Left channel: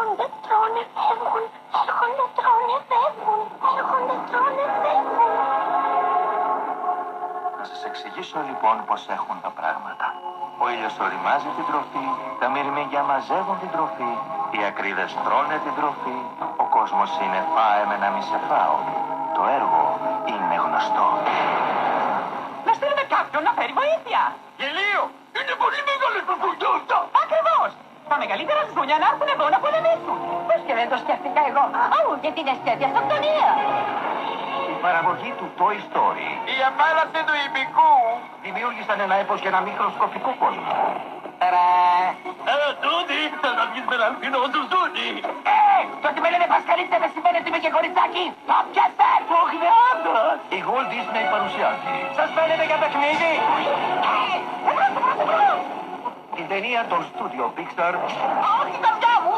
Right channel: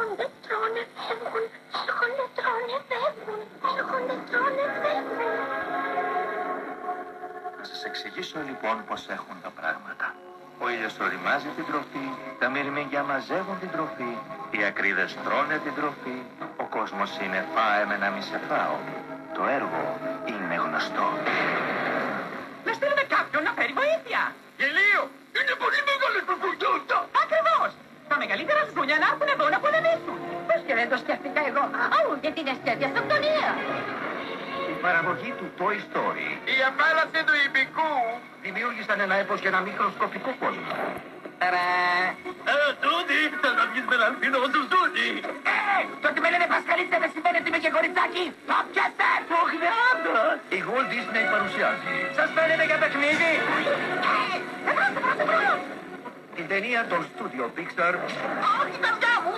χοντετρώνε φεύγουν, στο χοντετρώνε φεύγουν, στο χοντετρώνε φεύγουν. Να σας εξηγήσω λοιπόν πως έχουν τα πράγματα. Ο ήλιος οριμάζει την τροφή, τα μυρμήγκια μαζεύουν την τροφή, οι ακρίδες τρώνε την τροφή, ο κόσμος είναι φάε με να μη σε φάω. Το έργο είναι γνωστό. Να στείλουμε κάποιον να φέρει βοήθεια. Γελίο! Είναι πολύ μεγάλες προφορτώτα! Ακριβώς. Τα μεγαλύτερα ζούνια να έρθουν εδώ να πολεμήσουν. Πώς και δεν το σκέφτηκα εγώ. Αού, γιατί είναι τέτοια αυτοκτονία. Η παραγωγή του Toy Story Η απάλαψη του ιππικού! δημιούργησαν ένα έπος για ένα μικροσκοπικό κόσμο. Τούτη, θα να βγεις με έναν φινό σου στούτη! Το ότι με λένε Πασκαλίτσα δεν σημαίνει ότι είμαι και κοριτσάκι. Το πιάστε. Όχι με άντρας! Η Walt Disney παρουσιάζει Σας φαίνεται για παιχνίδι. Εμπρός. την ταινία των στούντιο Pixar Όχι, καρδιά μου.